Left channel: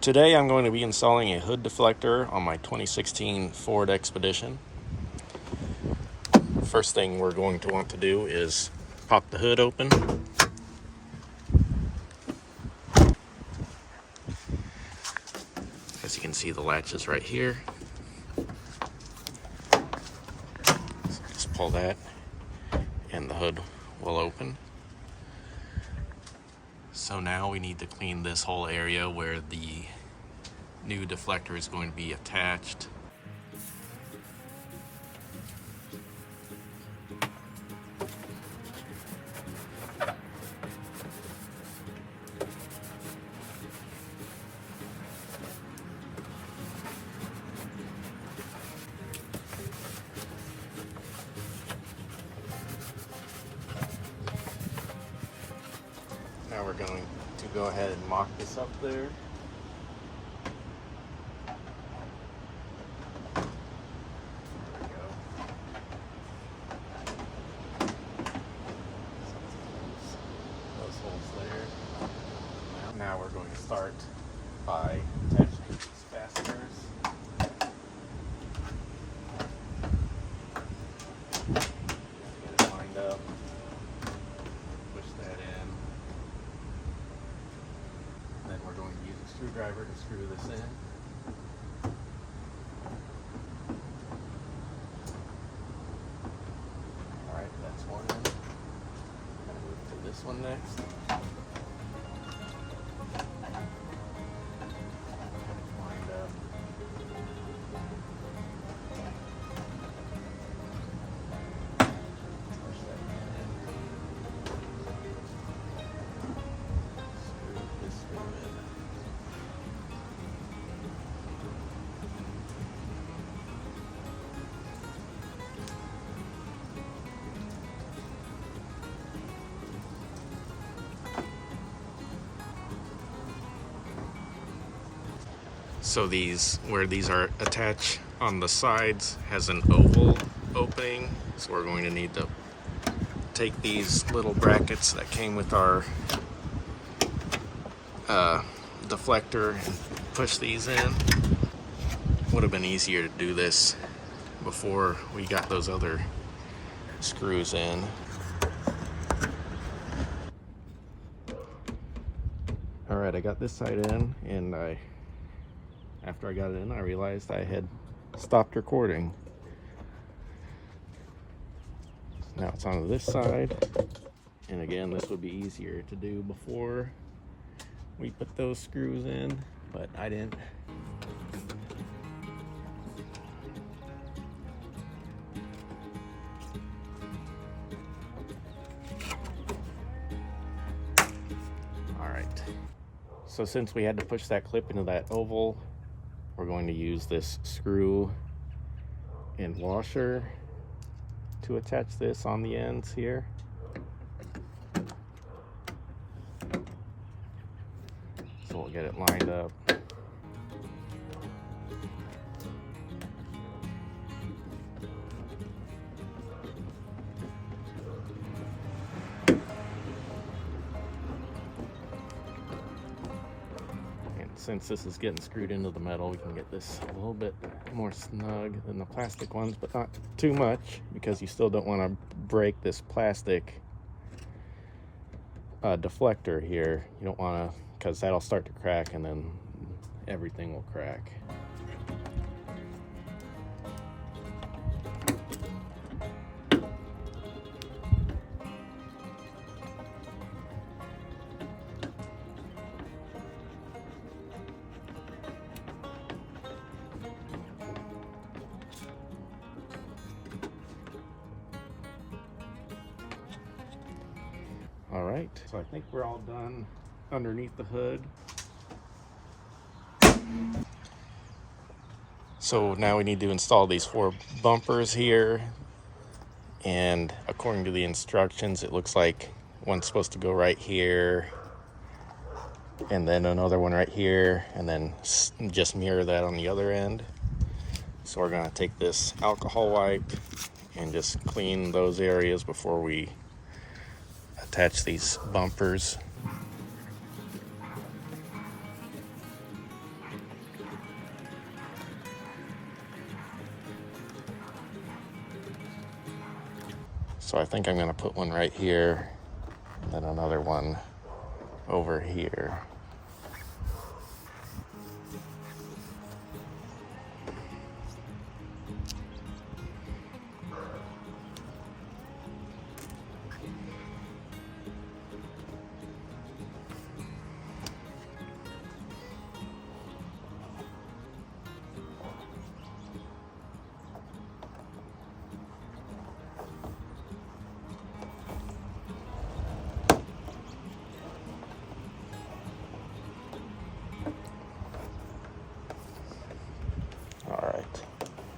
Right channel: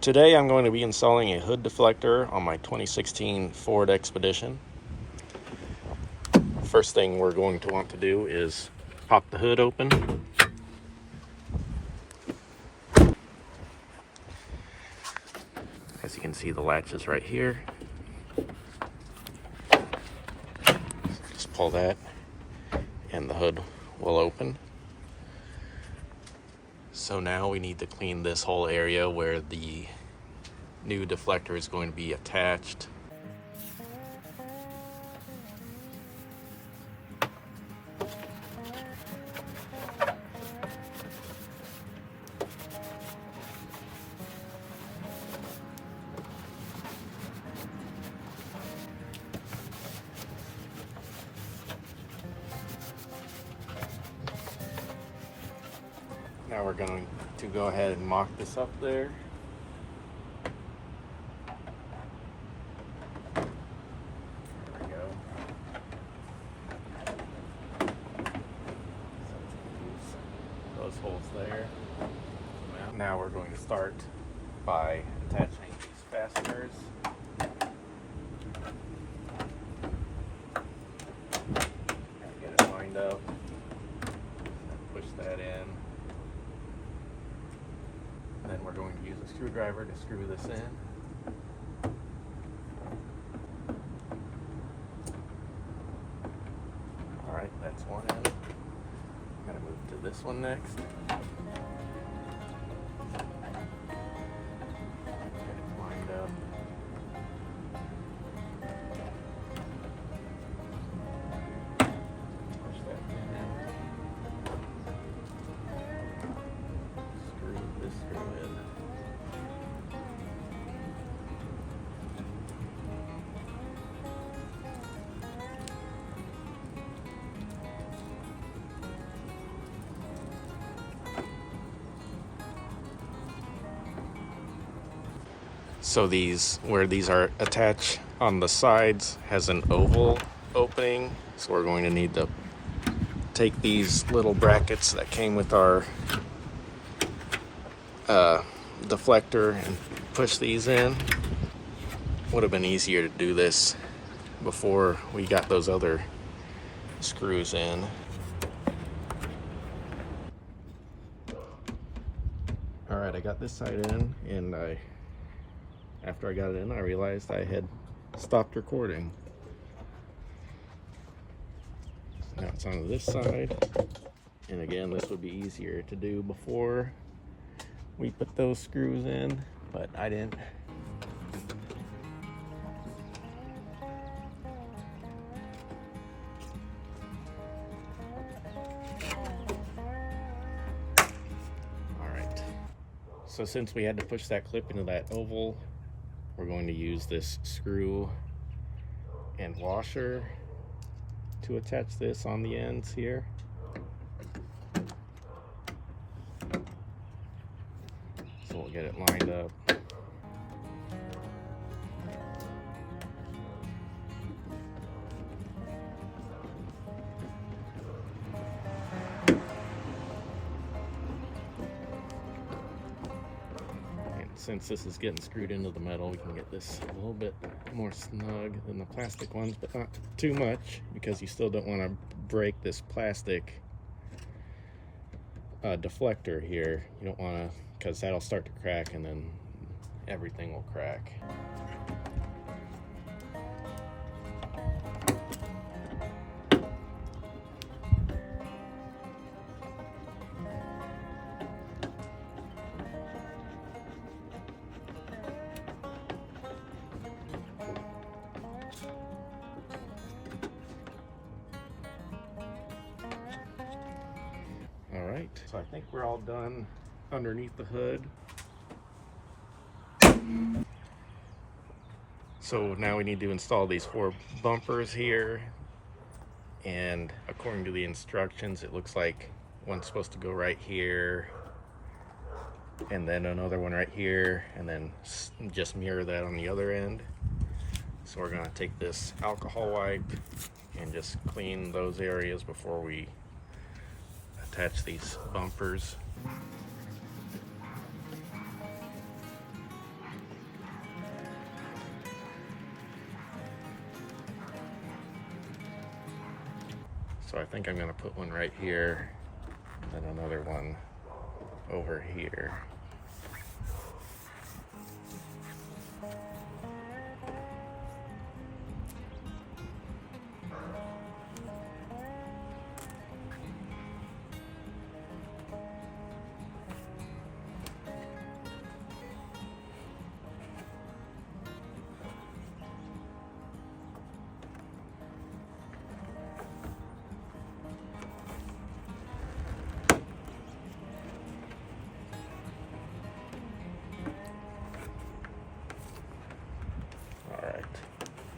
Today I'm going to be installing a hood deflector on my 2016 Ford Expedition. First thing we're going to want to do is pop the hood open. As you can see, the latch is right here. So just pull that and the hood will open. So now we need to clean this whole area where the new deflector is going to be attached. Now we're going to go ahead and mock this up there. There we go. So let's close those holes there. Now we're going to start by attaching these fasteners. Get it lined up. Push that in. Then we're going to use a screwdriver to screw this in. Alright, that's one in. I'm going to move to this one next. Get it lined up. Push that in. Screw this screw in. So where these are attached on the sides has an oval opening. So we're going to need to take these little brackets that came with our deflector and push these in. Would have been easier to do this before we got those other screws in. All right, I got this side in, and after I got it in, I realized I had stopped recording. Now it's on this side, and again, this would be easier to do before we put those screws in, but I didn't. All right, so since we had to push that clip into that oval, we're going to use this screw and washer to attach this on the ends here. So we'll get it lined up. Since this is getting screwed into the metal, we can get this a little bit more snug than the plastic ones, but not too much, because you still don't want to break this plastic deflector here. You don't want to, because that'll start to crack and then everything will crack. All right, so I think we're all done underneath the hood. So now we need to install these 4 bumpers here, and according to the instructions, it looks like one's supposed to go right here, and then another one right here, and then just mirror that on the other end. So we're gonna take this alcohol wipe and just clean those areas before we attach these bumpers. So I think I'm going to put one right here, and then another one over here. All right.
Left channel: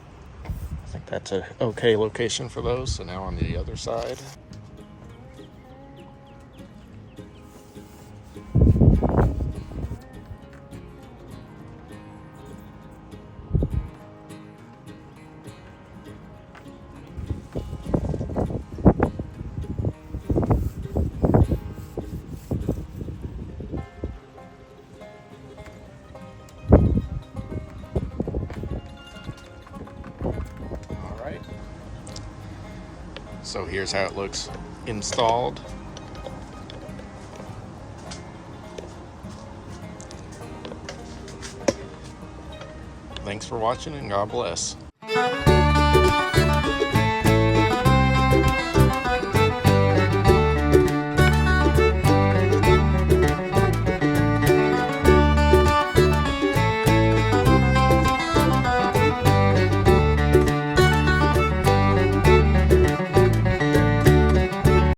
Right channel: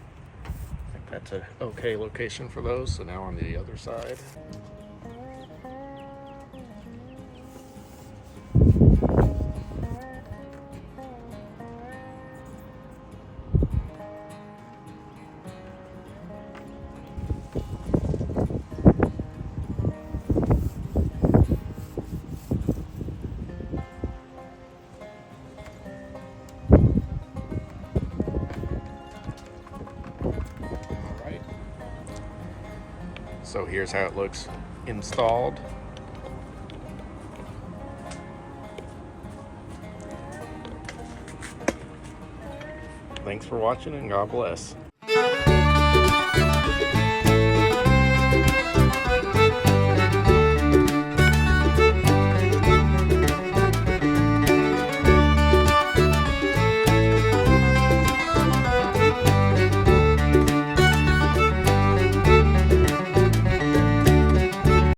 I think that's a okay location for those. So now on the other side. So here's how it looks installed. Thanks for watching, and God bless.